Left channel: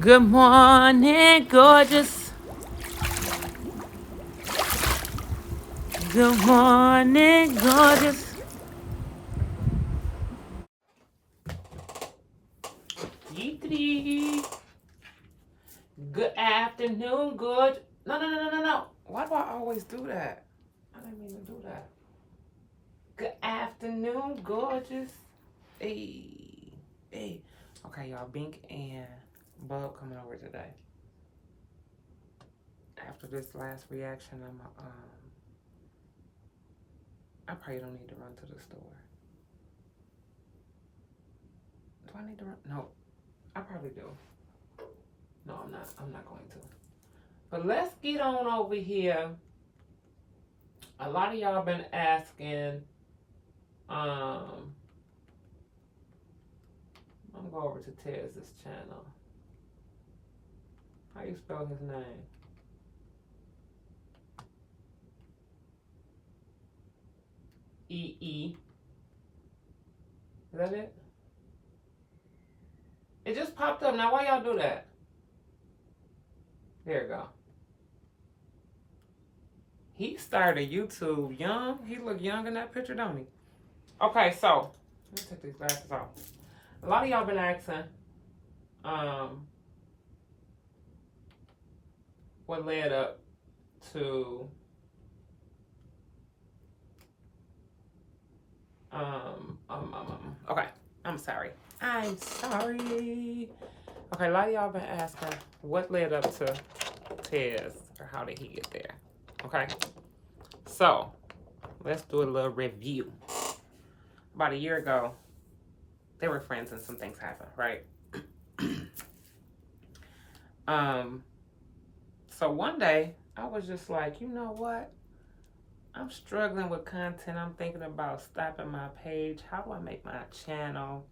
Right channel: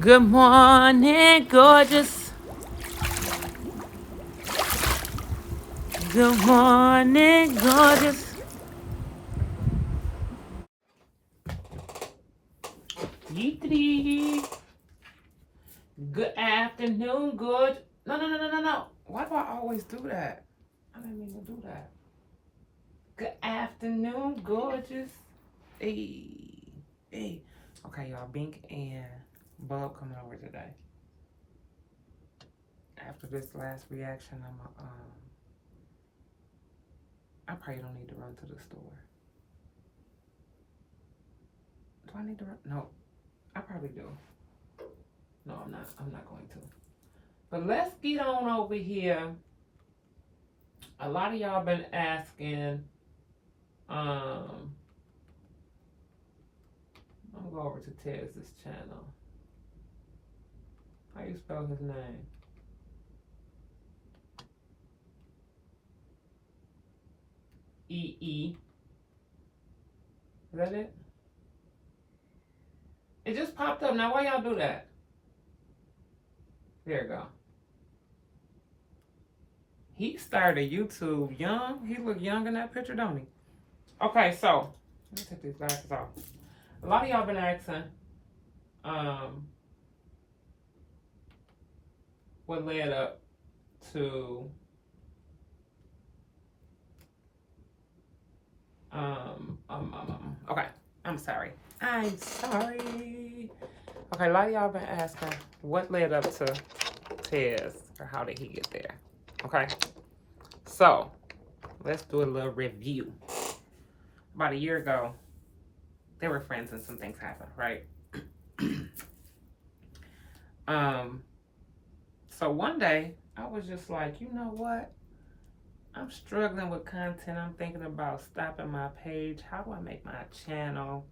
Good morning, gorgeous. Good morning, gorgeous. Yeetity. Good afternoon, gorgeous. No. Why do I always do that? I didn't mean to do that. Good afternoon, gorgeous. Hey. Okay, y'all. Bink and Bub coming over today. After this last reaction, I probably don't need to run to the store. Do I need to run? No, I probably do. No, I'm not. I'm not going to. But let's get on over here. A lot of y'all been asking. I'm gonna go over to Tez's channel. How you spell his name? E. Is that it? It just popped up. Now why y'all do that? There you go. He started YouTube young. He look young in that picture, don't he? Okay, so let me take these glasses off. A lot of y'all been asking, what led up to okay, I'm sorry. Okay, a lot of y'all been asking what led up to Tez or how did he get there. Okay, so let's do a little review. About a year ago, they were friends and some things happened, right? So one day I was just like, you know what? I'm struggling with content. I'm thinking about stopping my page. How do I make my channel?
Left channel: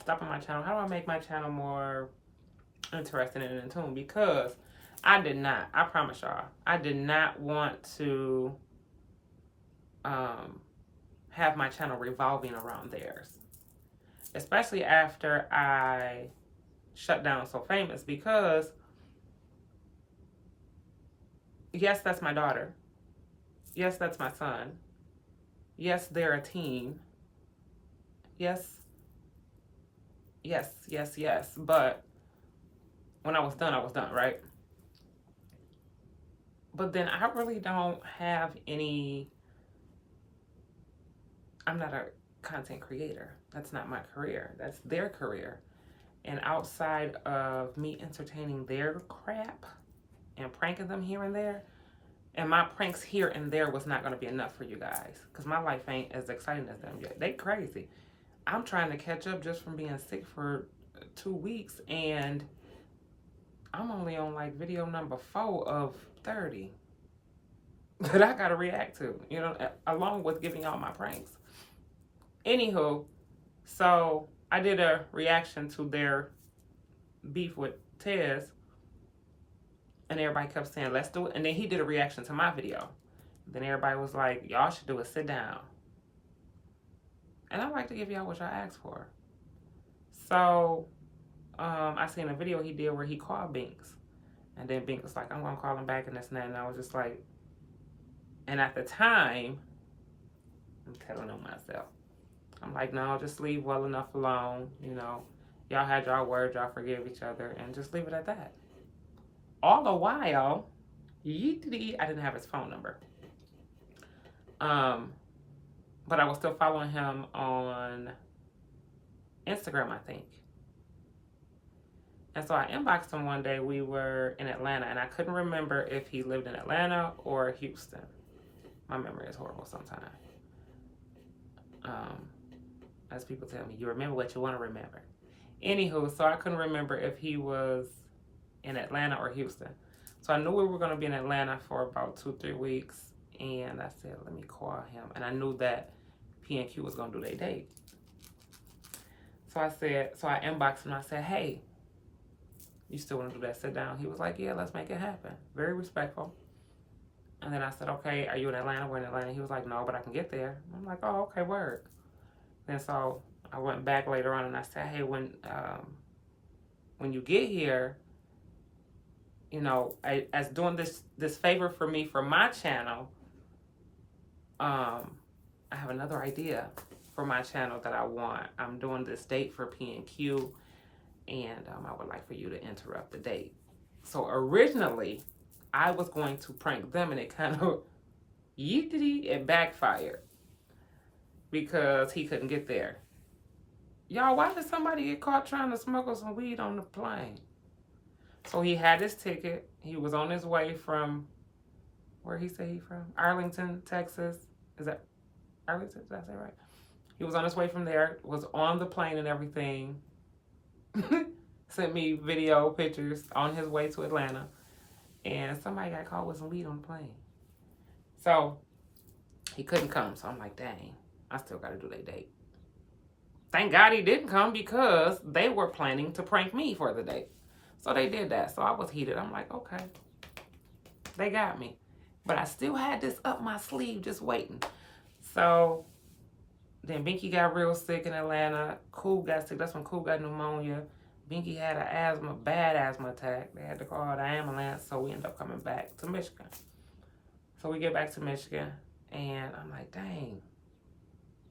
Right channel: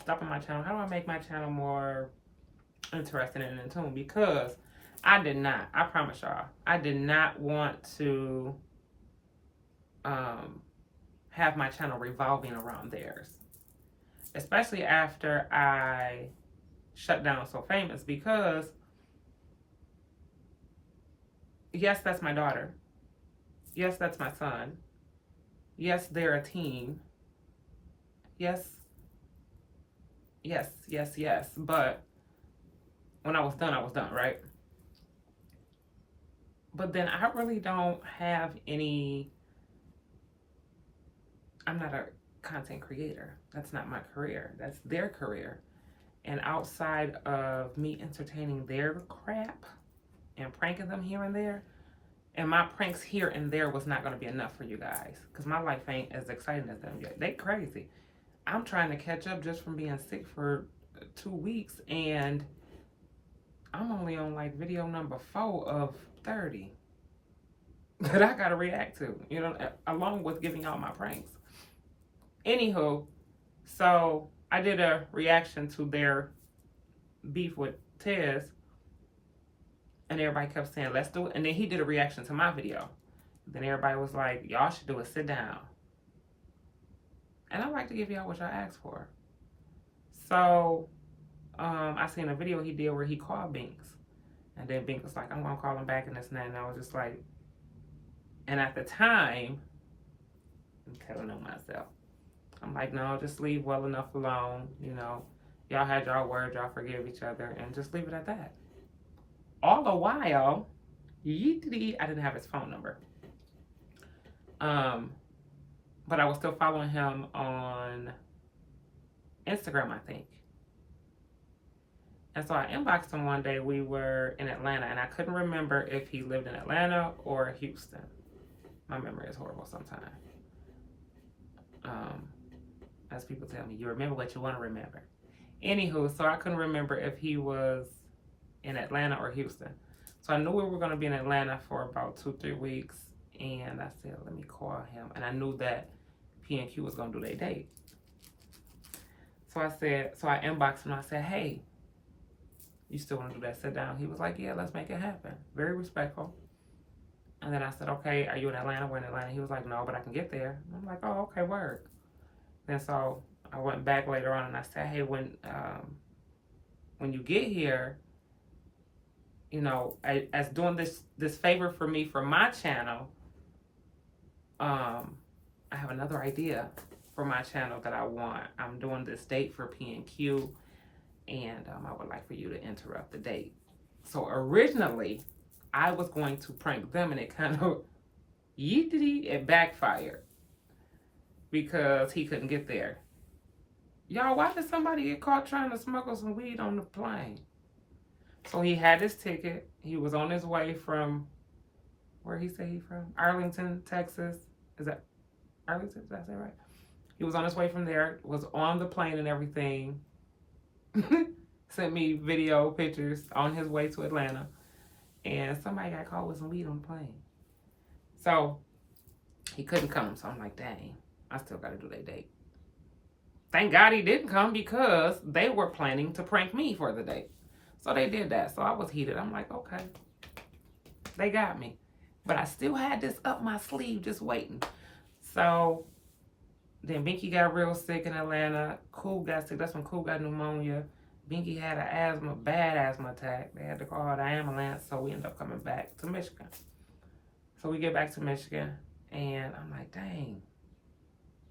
Stopping my channel. How do I make my channel more interesting and in tune? Because I promise y'all, I did not want to have my channel revolving around theirs. Especially after I shut down So Famous, because yes, that's my daughter. Yes, that's my son. Yes, they're a team. Yes. But when I was done, right? But then I really don't have any. I'm not a content creator. That's not my career. That's their career. And outside of me entertaining their crap and pranking them here and there, and my pranks here and there was not going to be enough for you guys, because my life ain't as exciting as them. They crazy. I'm trying to catch up just from being sick for 2 weeks, and I'm only on like video number 4 of 30 that I got to react to, along with giving out my pranks. Anywho, so I did a reaction to their beef with Tez, and everybody kept saying, let's do it. And then he did a reaction to my video. Then everybody was like, y'all should do it, sit down. And I like to give y'all what y'all asked for. So I seen a video he did where he called Binks. And then Binks was like, I'm going to call him back and this and that. And I was just like, and at the time, I'm telling him myself, I'm like, no, just leave well enough alone. Y'all had y'all words, y'all forgive each other, and just leave it at that. All the while, I didn't have his phone number. But I was still following him on Instagram, I think. And so I inboxed him one day. We were in Atlanta, and I couldn't remember if he lived in Atlanta or Houston. My memory is horrible sometimes. As people tell me, you remember what you want to remember. Anywho, so I couldn't remember if he was in Atlanta or Houston. So I knew we were going to be in Atlanta for about 2-3 weeks. And I said, let me call him. And I knew that P&Q was going to do their date. So I inboxed him. I said, hey, you still want to do that sit down? He was like, yeah, let's make it happen. Very respectful. And then I said, okay, are you in Atlanta? We're in Atlanta. He was like, no, but I can get there. I'm like, oh, okay, word. Then so I went back later on and I said, hey, when when you get here, you know, as doing this favor for me for my channel, I have another idea for my channel that I want. I'm doing this date for P&Q, and I would like for you to interrupt the date. So originally, I was going to prank them, and it kind of it backfired because he couldn't get there. Y'all, why did somebody get caught trying to smuggle some weed on the plane? So he had his ticket. He was on his way from, where he say he from? Arlington, Texas. Is that Arlington? Did I say right? He was on his way from there, was on the plane and everything. Sent me video pictures on his way to Atlanta. And somebody got caught with some weed on the plane. So he couldn't come. So I'm like, dang, I still got to do their date. Thank God he didn't come because they were planning to prank me for the date. So they did that. So I was heated. I'm like, okay, they got me. But I still had this up my sleeve just waiting. So then Binky got real sick in Atlanta. Cool got sick. That's when Cool got pneumonia. Binky had a bad asthma attack. They had to call the ambulance. So we ended up coming back to Michigan. So we get back to Michigan. And I'm like, dang.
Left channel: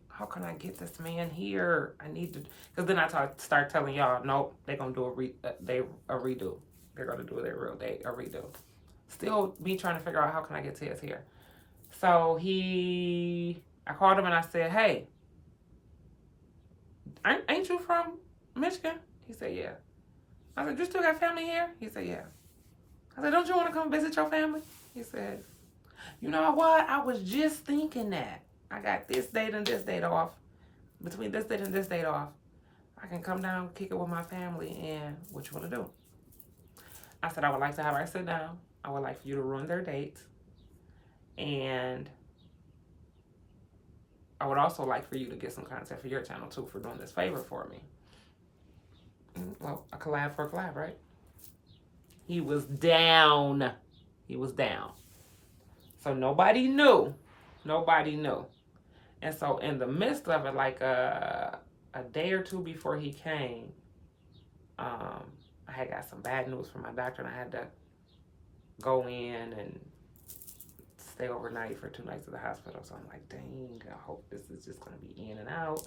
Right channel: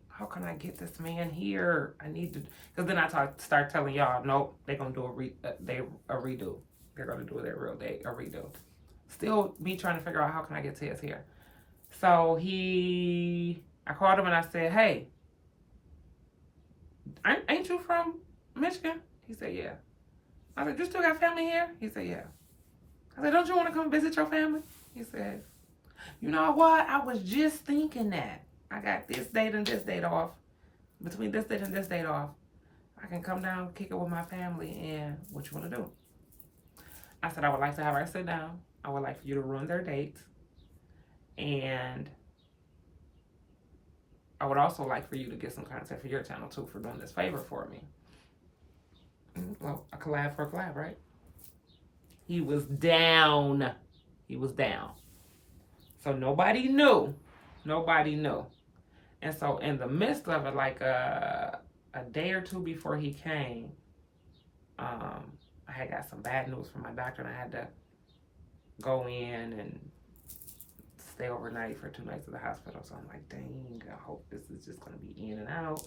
How can I get this man here? I need to, because then I start telling y'all, nope, they're going to do a redo. They're going to do their real date, a redo. Still be trying to figure out how can I get Tiz here. So I called him and I said, hey, ain't you from Michigan? He said, yeah. I said, you still got family here? He said, yeah. I said, don't you want to come visit your family? He said, you know what? I was just thinking that. I got this date and this date off. Between this date and this date off, I can come down, kick it with my family, and what you want to do? I said, I would like to have her sit down. I would like for you to ruin their date. And I would also like for you to get some content for your channel, too, for doing this favor for me. Well, a collab for a collab, right? He was down. He was down. So nobody knew. Nobody knew. And so in the midst of it, like a day or two before he came, I had got some bad news from my doctor, and I had to go in and stay overnight for 2 nights at the hospital. So I'm like, dang, I hope this is just going to be in and out.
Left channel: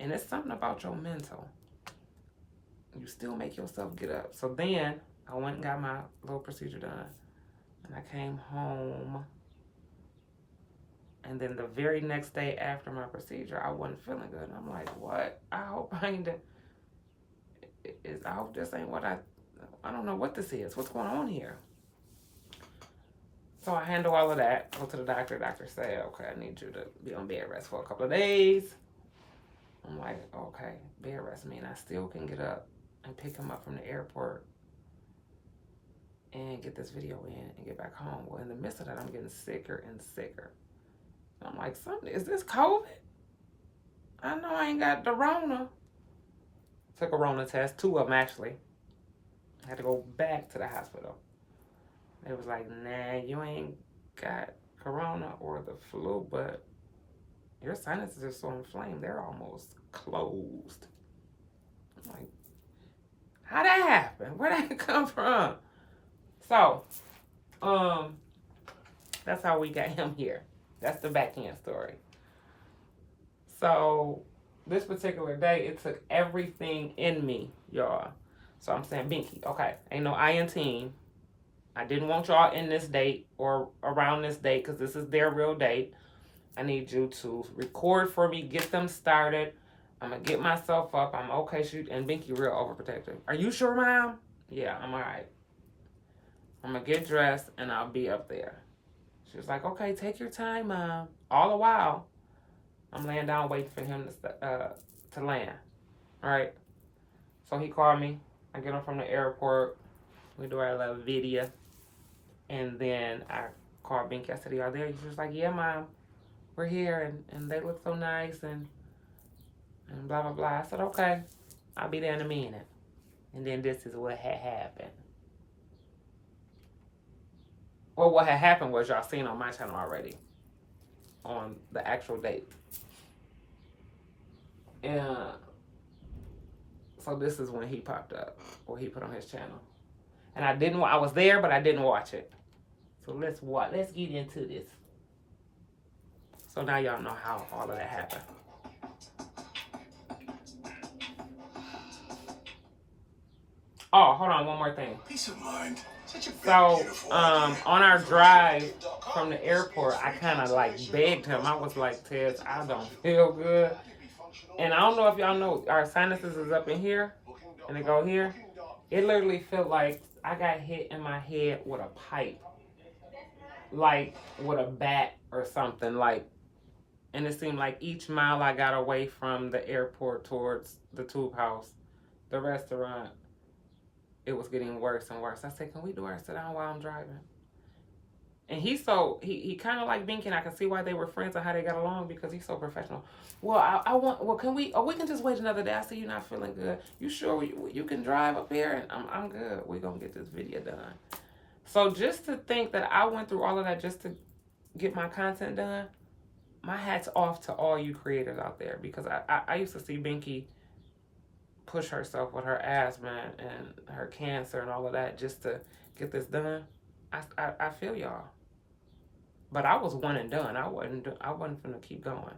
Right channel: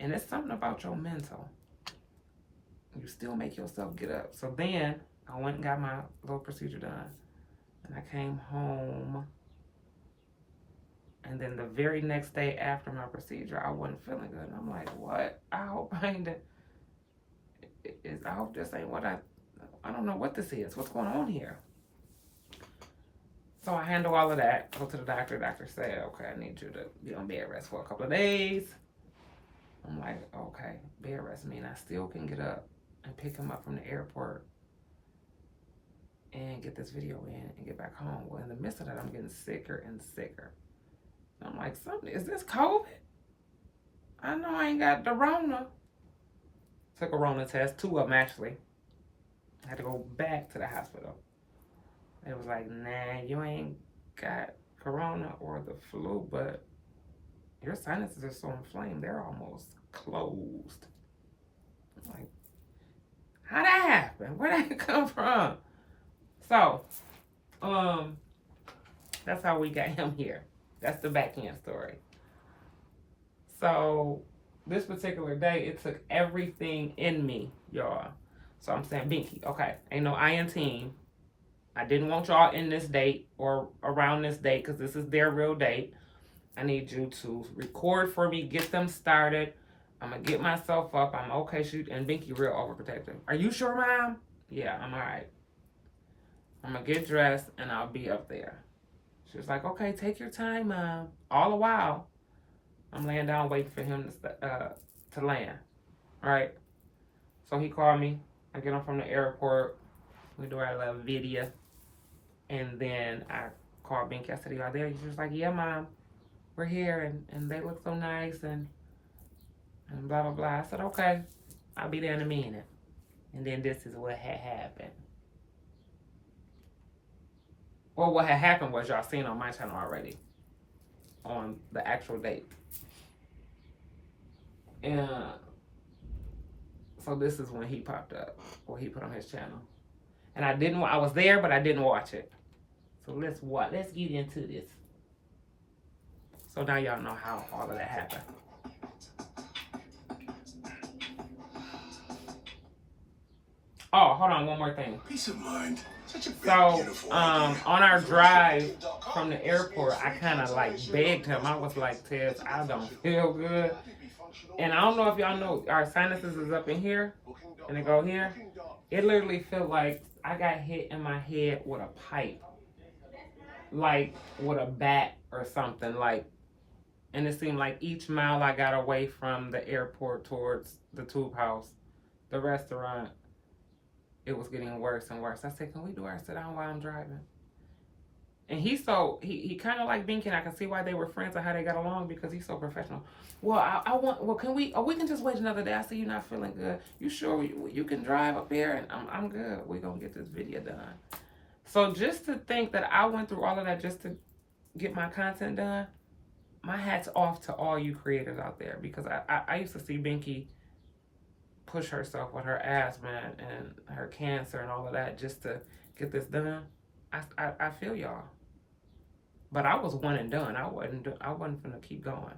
And it's something about your mental. You still make yourself get up. So then I went and got my little procedure done, and I came home. And then the very next day after my procedure, I wasn't feeling good. And I'm like, what? I hope I hope this ain't what I don't know what this is. What's going on here? So I handle all of that. Go to the doctor. Doctor said, okay, I need you to be on bed rest for a couple of days. I'm like, okay, bed rest mean I still can get up and pick him up from the airport and get this video in and get back home. Well, in the midst of that, I'm getting sicker and sicker. I'm like, something, is this COVID? I know I ain't got the Rona. Took a Rona test, 2 of them actually. I had to go back to the hospital. It was like, nah, you ain't got Corona or the flu, but your sinuses are so inflamed, they're almost closed. I'm like, how'd that happen? Where'd that come from? So, that's how we got him here. That's the backhand story. So this particular day, it took everything in me, y'all. So I'm saying, Binky, okay, ain't no I in team. I didn't want y'all in this date or around this date because this is their real date. I need you to record for me, get them started. I'm going to get myself up. I'm okay. And Binky real overprotective. Are you sure, Mom? Yeah, I'm all right. I'm going to get dressed and I'll be up there. She was like, okay, take your time, Mom. All the while, I'm laying down waiting for him to land. All right. So he called me. I get him from the airport. We do our little video. And then I called Binky. I said, y'all there? She was like, yeah, Mom. We're here. And they look so nice. And blah, blah, blah. I said, okay. I'll be there in a minute. And then this is what had happened. Well, what had happened was y'all seen on my channel already. On the actual date. And So this is when he popped up, or he put on his channel. And I was there, but I didn't watch it. So let's get into this. So now y'all know how all of that happened. Oh, hold on, one more thing. Peace of mind. Such a big, so, on our drive from the airport, I kind of like begged him. I was like, Tez, I don't feel good. And I don't know if y'all know, our sinuses is up in here, and they go here. It literally felt like I got hit in my head with a pipe. Like with a bat or something. Like, and it seemed like each mile I got away from the airport towards the tube house, the restaurant, it was getting worse and worse. I said, can we do our sit down while I'm driving? And he kind of like Binky, and I can see why they were friends and how they got along, because he's so professional. Well, we can just wait another day. I see you're not feeling good. You sure you can drive up there? And I'm good. We're going to get this video done. So just to think that I went through all of that just to get my content done, my hat's off to all you creators out there, because I used to see Binky push herself with her asthma and her cancer and all of that just to get this done. I feel y'all. But I was one and done. I wasn't finna keep going.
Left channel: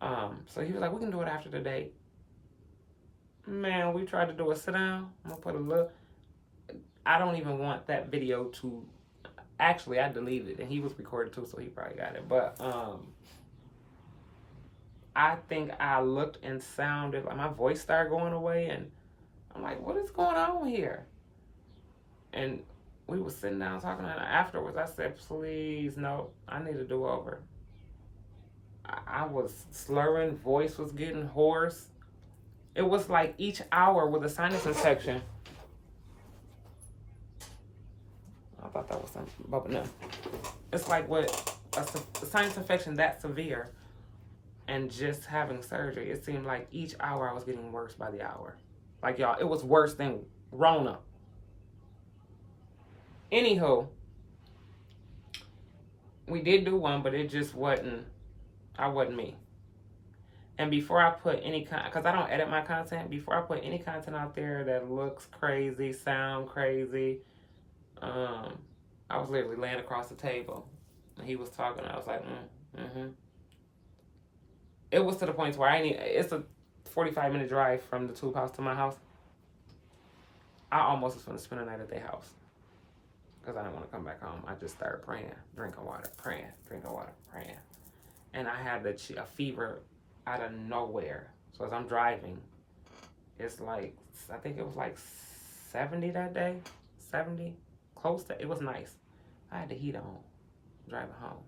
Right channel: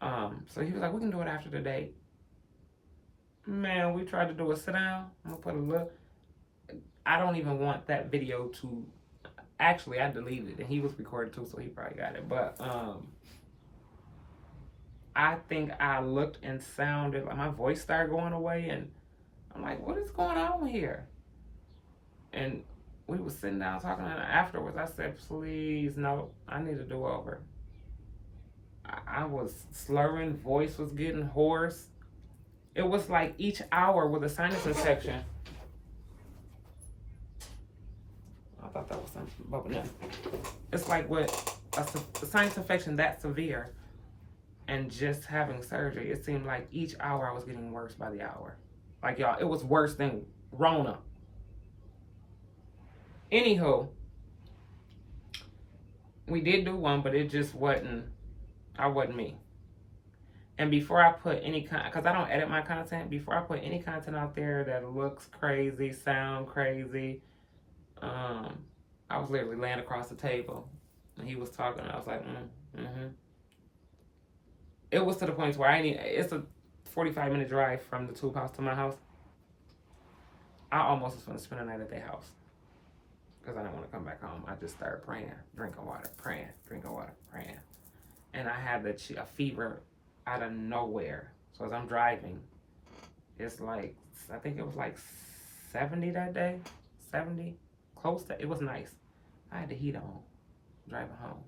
So he was like, we can do it after the date. Man, we tried to do a sit down. I'm gonna put a look. I don't even want that video to, actually I deleted it, and he was recorded too, so he probably got it. But I think I looked and sounded like my voice started going away, and I'm like, what is going on here? And we was sitting down talking, and afterwards I said, please, no, I need a do-over. I was slurring, voice was getting hoarse. It was like each hour with a sinus infection. I thought that was something, but no. It's like with a sinus infection that severe, and just having surgery, it seemed like each hour I was getting worse by the hour. Like, y'all, it was worse than Rona. Anywho, we did do one, but it just wasn't, I wasn't me. And before I put any because I don't edit my content, before I put any content out there that looks crazy, sound crazy, I was literally laying across the table, and he was talking, and I was like, It was to the point where it's a 45-minute drive from the tube house to my house. I almost was going to spend the night at their house, because I didn't want to come back home. I just started praying, drinking water, praying, drinking water, praying. And I had a fever out of nowhere. So as I'm driving, it's like, I think it was like 70 that day, 70, close to, it was nice. I had the heat on, driving home.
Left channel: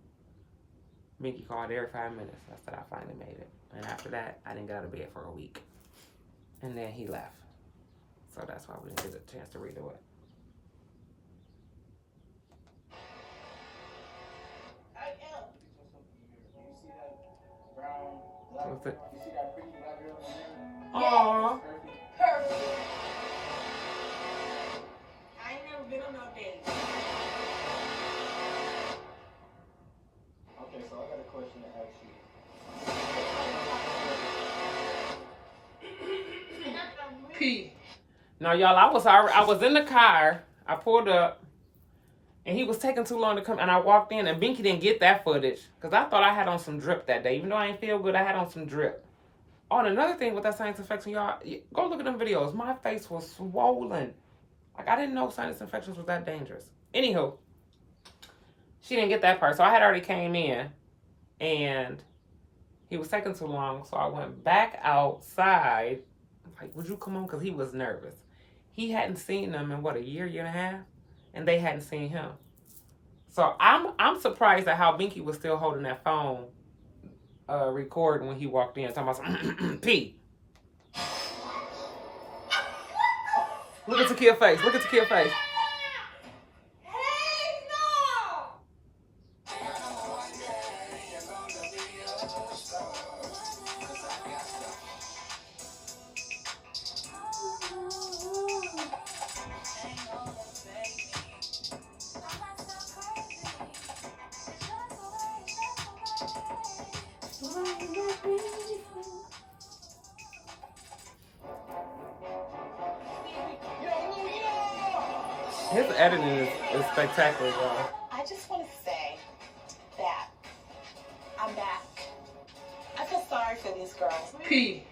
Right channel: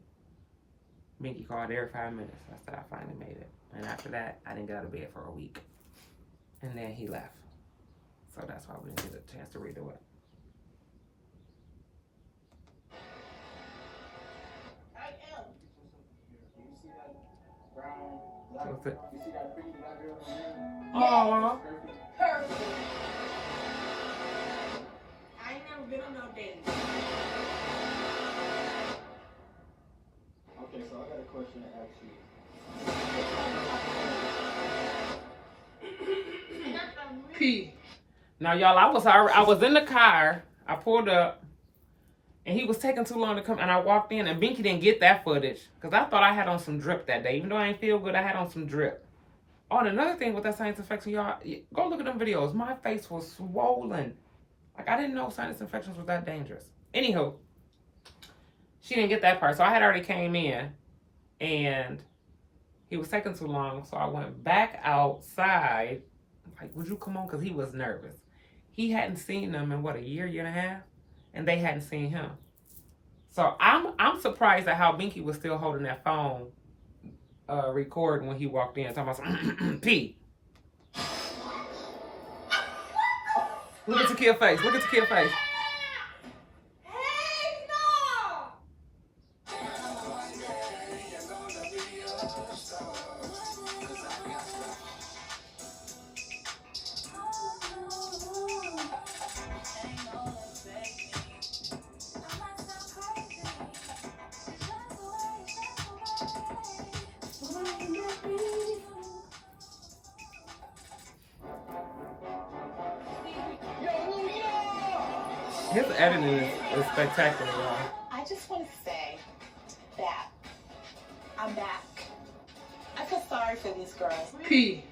Binky called every 5 minutes. I said I finally made it. And after that, I didn't get out of bed for a week. And then he left. So that's why we didn't get a chance to redo it. What's it? You see that pretty black girl in there? Aww. Perfect. I ain't never been on no date. Okay, so I got a question to ask you. P. Now, y'all, I was in the car. I pulled up, and he was taking too long to come. And I walked in, and Binky didn't get that footage, because I thought I had on some drip that day. Even though I ain't feel good, I had on some drip. Oh, and another thing with that sinus infection, y'all, go look at them videos. My face was swollen. Like, I didn't know sinus infections was that dangerous. Anywho, she didn't get that part. So I had already came in, and he was taking too long. So I went back outside. Like, would you come on? Because he was nervous. He hadn't seen them in, what, a year and a half? And they hadn't seen him. So I'm surprised at how Binky was still holding that phone, recording when he walked in, talking about some P. Look at Takia's face. Look at Takia's face. His editing is spectacular, y'all. I just want to say that I'm back. I feel sorry for these girls. P.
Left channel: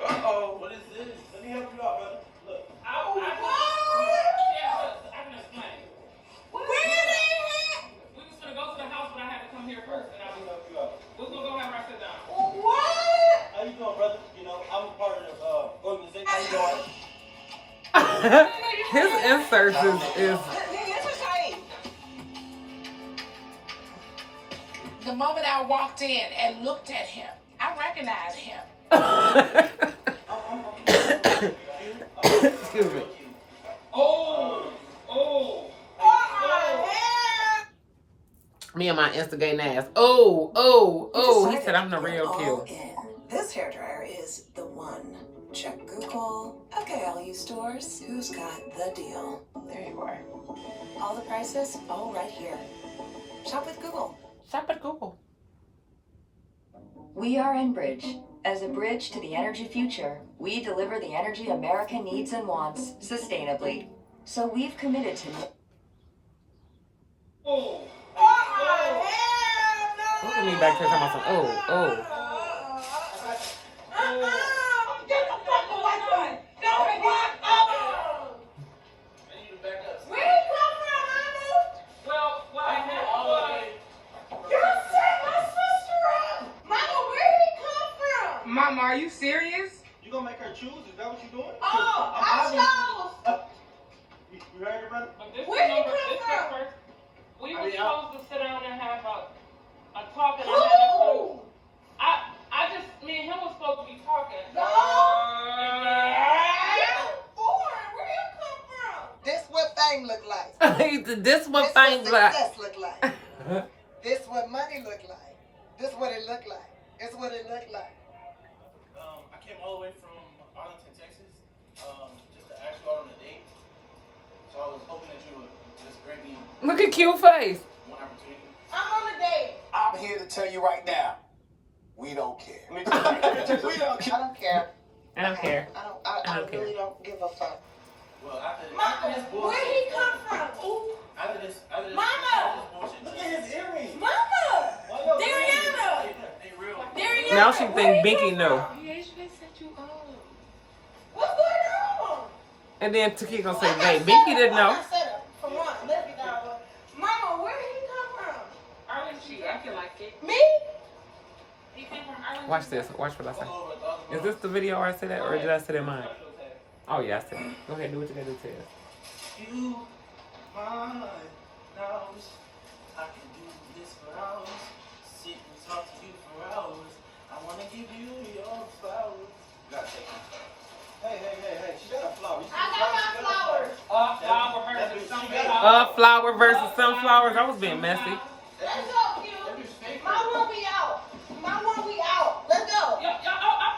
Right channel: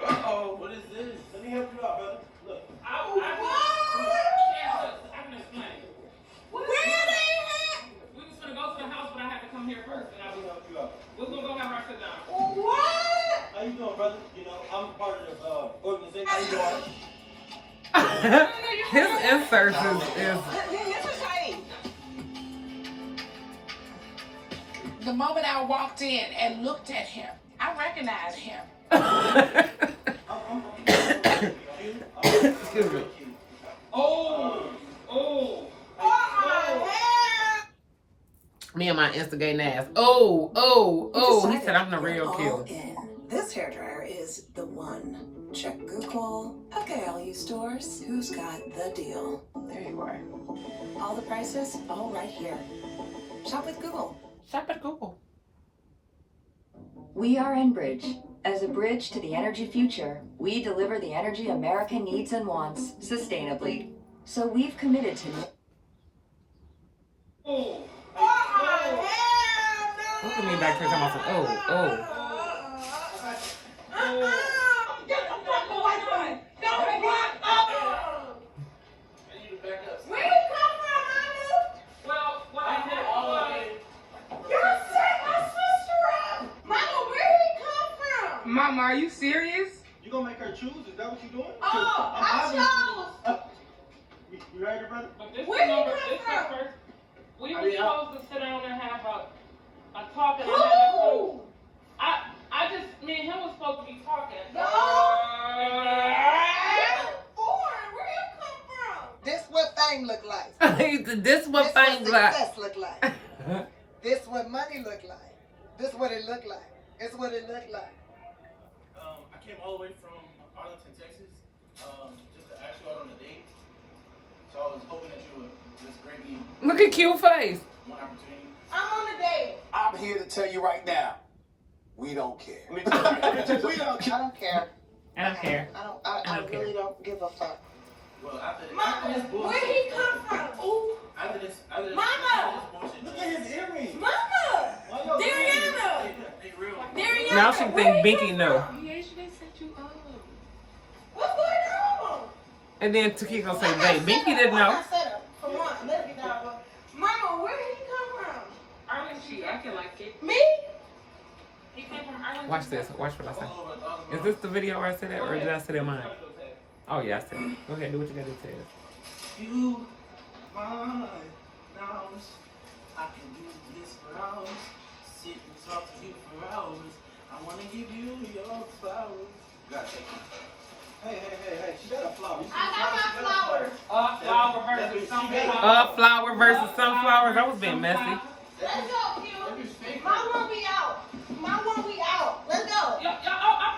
Uh-oh, what is this? Let me help you out, brother. Look. I can explain. Where they We was gonna go to the house, but I had to come here first. And Let me help you out. we're gonna go have our sit down. What? How you doing, brother? You know, I'm part of the organization. How you doing? His inserts is This is Shay. The moment I walked in and looked at him, I recognized him. excuse me. Oh. Me and my instigating ass. He said I'm the real kill. This hairdryer is the one. Check Google. Okay, all you stores, who's got the deal? There you are. All the prices, all right here. Shop with Google. Shop at Google. We are Enbridge. As a bridge to the energy future, we deliver the energy America needs and wants sustainably. So we've committed to Look at me back there talking about some Mama, are you serious? You gonna make her choose? Is that what you doing? Oh, I chose. You heard her, brother? But this Where number, you come this from? number, we I were mean, supposed to sit down and have a talk and I had to Who? I just, me and him was supposed to be talking. Where you come from? This what fame look like. This what thing like. Success look like. This what money look like. This what it look like. It's what it look like. I came all the way from Arlington, Texas, just to ask you out on a date. So I was hoping that you would just grant me Look at cute face. one opportunity. I'm on a date. I'm here to tell you right now, we don't care. We don't I don't care. I don't care. I don't really don't give a fuck. Well, after Mama, this bullshit, where he come from? after this Mama! bullshit, look at his earrings. Mama! Why y'all Dariana! They real. Dariana! Now she where think he Binky come know. from? He actually set you up. What's going on? And then Taki gonna say, "Babe, Binky didn't know." I got set up for one. Let's get down. Mama, where did he come from? Arlington, I can like it. Me? He came from Arlington. Watch this. Watch what I say. Oh, Is this the video where I said that, or did I say that mine? Oh yeah, I said it. Go ahead, do what you gotta do. Tell us. You, mine, knows I can do this for hours. Sit and talk to you for hours. I wanna give you your flowers. You gotta take it. Hey, she got a flower. You see I got my the flower? flowers. She got a flower. Flower versus sunflowers. I was being messy. Let's go, Q. My one we out. My one we out. Let's go. I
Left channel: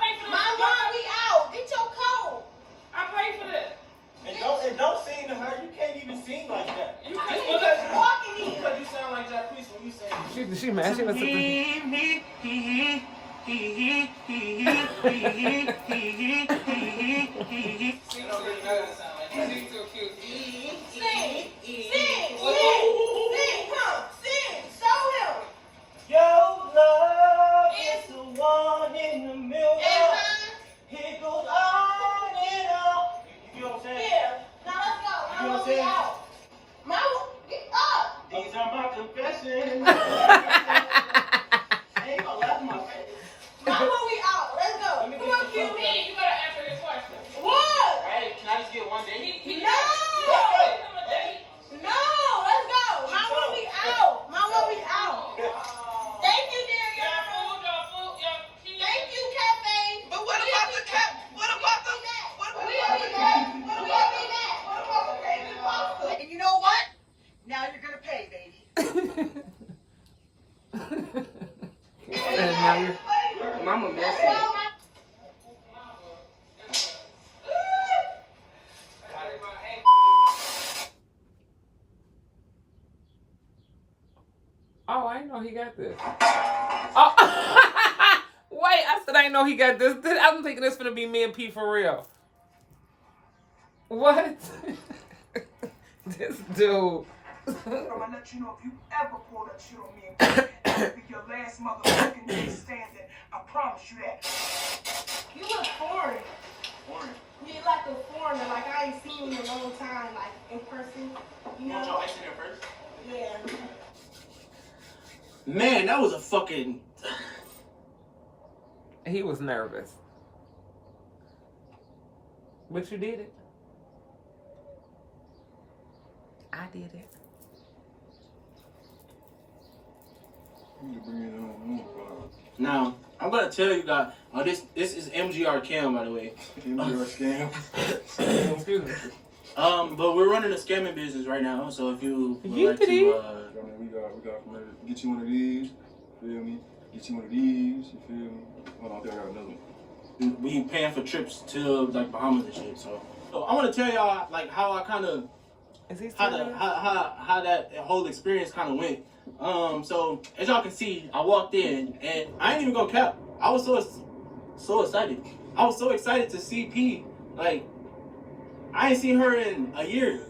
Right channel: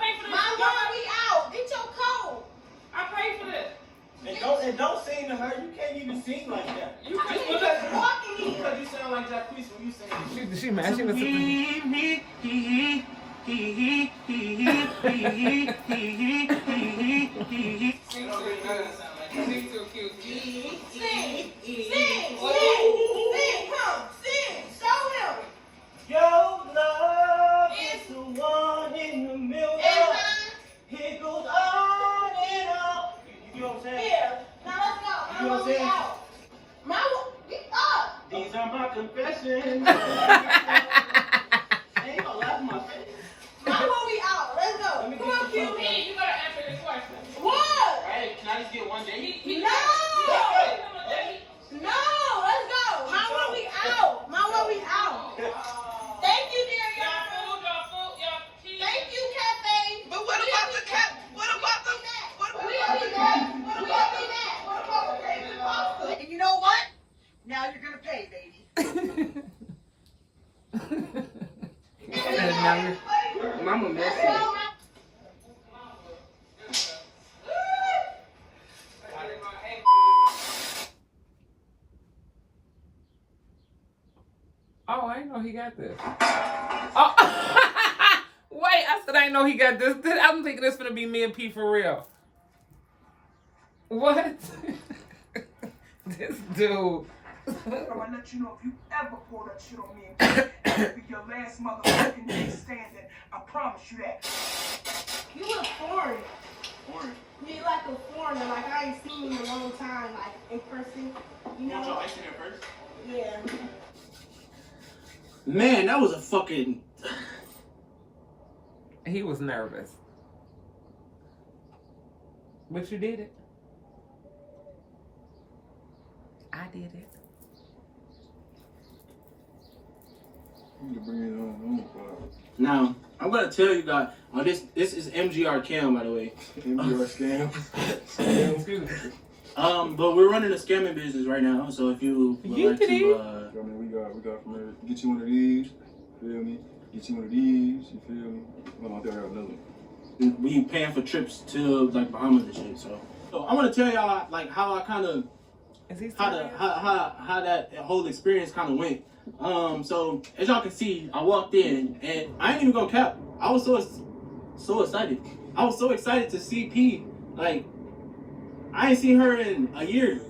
paid for this. My one we out. Get your coat. I paid for this. And don't sing to her. You can't even sing like that. You I can't keep just walking in. Because you sound like Jacquees when you sing. She mad. She must You don't really know that sound like that. Sing. Come. Sing. Show him. Your love is the one in the middle. It goes on and on. You know what I'm saying? Here. Now let's go. You know what I'm saying? My one, get up. These are my confessions. Hey, you gonna laugh in my face? My one we out. Let's go. Let me Come get on, you Q. something. You gotta answer this question. What? Hey, can I just get one day? No. No. Let's go. My one we out. My one we out. Thank you, Dariana. Thank you, Cafe. But what about the cat? What about the? We already back. We already back. What about the crazy pasta? And you know what? Now you're gonna pay, baby. And now you're Mama messy. know he got this. Oh. Wait, I said I didn't know he got this. I'm thinking this gonna be me and P for real. What? This dude. I'm gonna let you know if you ever pull that shit on me again, that'll be your last motherfucking day standing. I promise you that. You look foreign. Foreign. You like a foreigner. Like I ain't seen you in a long time. Like in person. You You want know? your ice in there first? Yeah. Man, that was a fucking. He was nervous. But you did it. I did it. You need to bring it on. Now, I'm gonna tell you guys. Oh, this is MGR Cam, by the way. MGR scam. Excuse me. But we're running a scamming business right now. So if you would like to, I mean, we got from there. Get you one of these. Feel me? Get you one of these. You feel me? Hold on, I think I got another one. we paying for trips to like Bahamas and shit. So I want to tell y'all like how I kind of how that whole experience kind of went. So as y'all can see, I walked in and I ain't even gonna cap. I was so excited. I was so excited to see P. Like I ain't seen her in a year.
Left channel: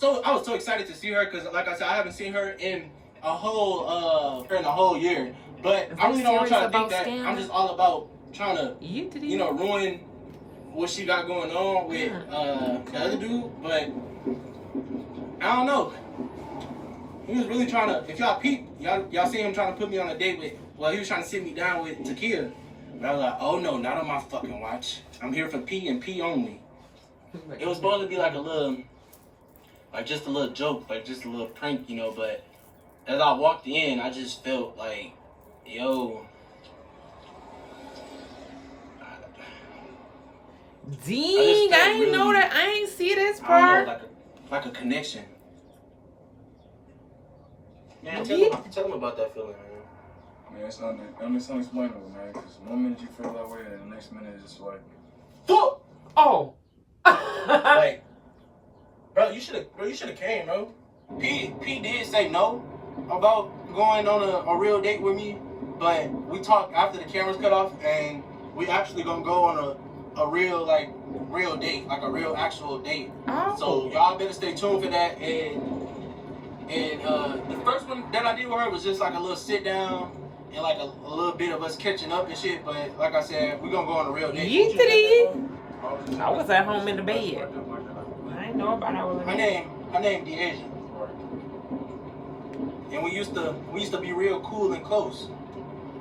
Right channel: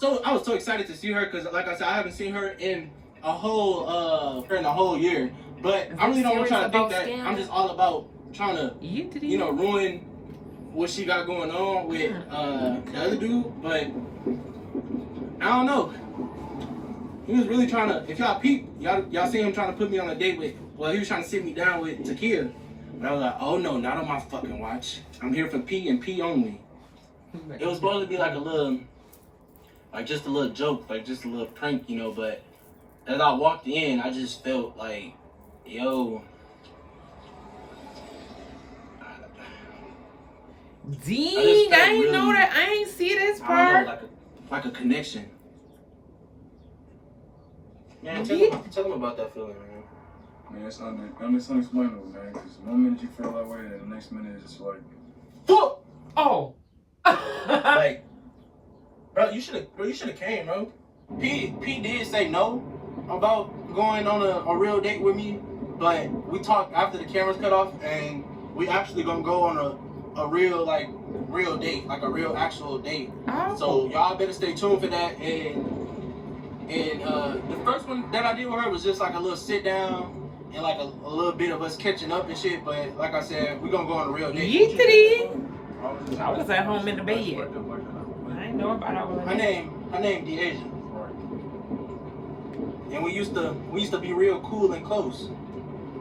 So I was so excited to see her because, like I said, I haven't seen her in a whole year. But I really don't want y'all to think that I'm just all about trying to, you know, ruin what she got going on with the other dude. But I don't know. He was really trying to. If y'all peep, y'all see him trying to put me on a date with. Well, he was trying to sit me down with Takia. But I was like, oh no, not on my fucking watch. I'm here for P and P only. It was supposed to be like a little. Like just a little joke, like just a little prank, you know, but as I walked in, I just felt like, yo. Dang, I ain't know that. I ain't see this part. Like a connection. Man, tell him about that feeling, man. Man, it's unexplainable, man. Because one minute you feel that way, and the next minute it's just like, fuck! Oh. Like, bro, you should have came, bro. P did say no about going on a real date with me, but we talked after the cameras cut off, and we actually gonna go on a real date, like a real actual date. Oh. So y'all better stay tuned for that. And the first one that I did with her was just like a little sit down and like a little bit of us catching up and shit. But like I said, we gonna go on a real date. Yeetity. I was at home in the bed. I ain't know about all that. Her name DeAsia. And we used to be real cool and close.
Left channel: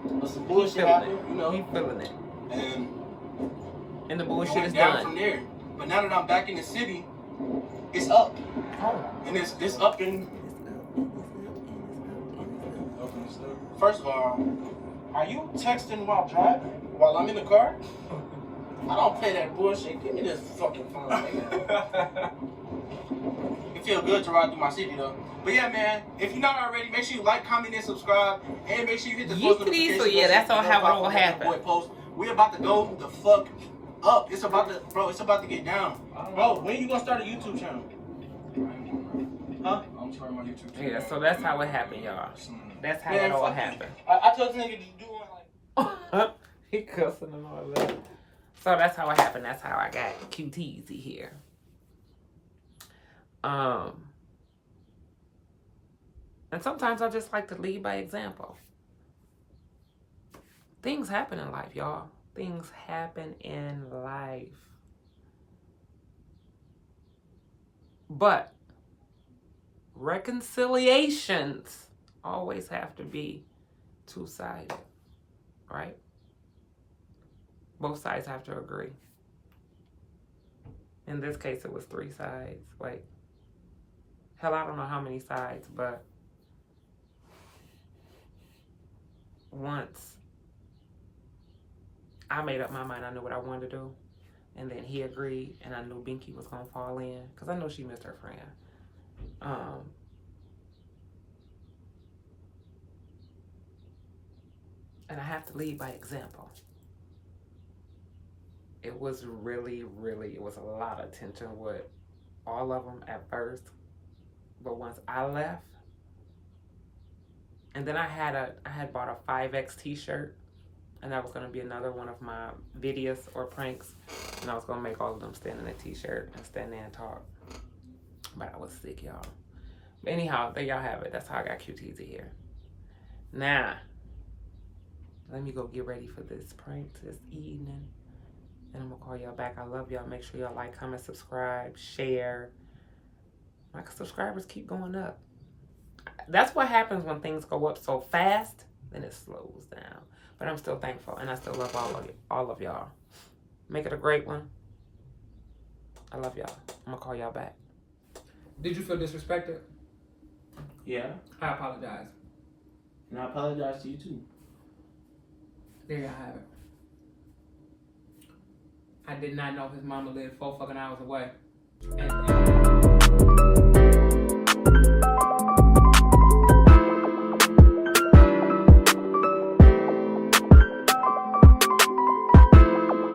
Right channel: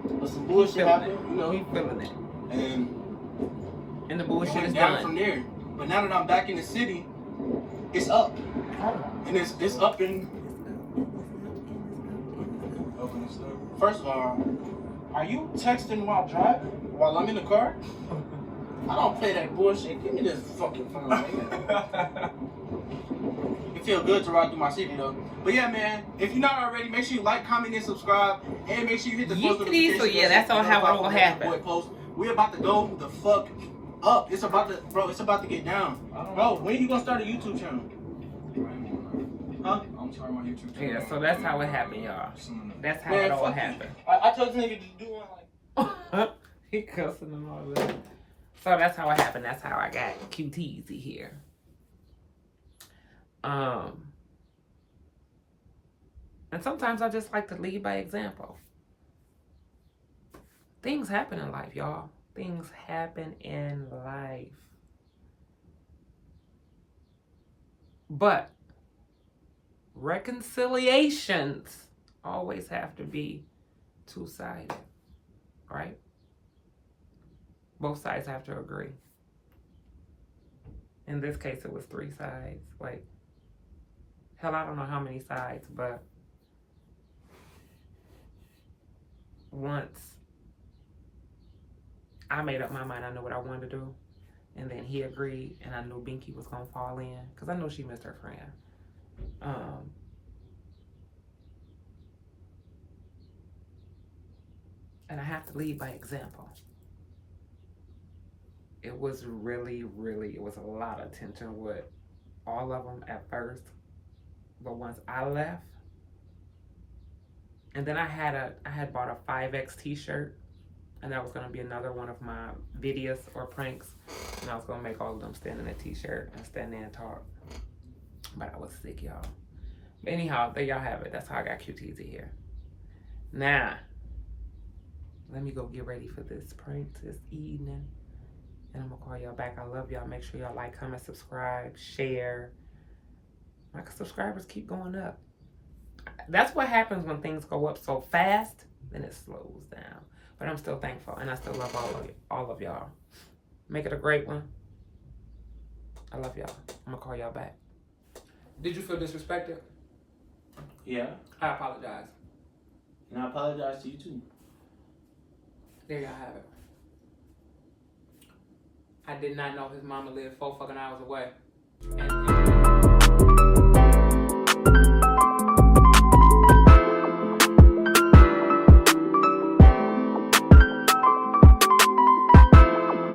But some bullshit happened, you know. He feeling it. And the bullshit went is down done. from there. But now that I'm back in the city, it's up. And it's up in. First of all, are you texting while driving? While I'm in the car? I don't play that bullshit. Give me this fucking phone, man. It feels good to ride through my city though. But yeah, man, if you're not already, make sure you like, comment, and subscribe, and make sure you hit the post notifications. So yeah, that's all how it will happen. We're about to go the fuck up. It's about to get down. Bro, when you gonna start a YouTube channel? Huh? I'm starting my YouTube channel. Yeah, so that's how it happened, y'all. That's how it all happened. I told the nigga to do one like. He cussing and all that. So that's how it happened. That's how I got Qteezy here. And sometimes I just like to lead by example. Things happen in life, y'all. Things happen in life. But reconciliations always have to be two-sided, right? Both sides have to agree. In this case, it was 3 sides. Wait. Hell, I don't know how many sides, but once I made up my mind, I knew what I wanted to do. And then he agreed, and I knew Binky was going to fall in. Because I know she missed her friend. And I have to lead by example. It was really, it was a lot of tension with all of them at first, but once I left, and then I had bought a 5X t-shirt, and that was gonna be another one of my videos or pranks, and I was gonna make all of them stand in a t-shirt and stand there and talk, but I was sick, y'all. But anyhow, there y'all have it. That's how I got Qteezy here. Now, let me go get ready for this prank this evening. And I'm gonna call y'all back. I love y'all. Make sure y'all like, comment, subscribe, share. My subscribers keep going up. That's what happens when things go up so fast, then it slows down. But I'm still thankful, and I still love all of y'all. Make it a great one. I love y'all. I'm gonna call y'all back. Did you feel disrespected? Yeah. I apologize. And I apologize to you too. There y'all have it. I did not know his mama lived 4 fucking hours away. And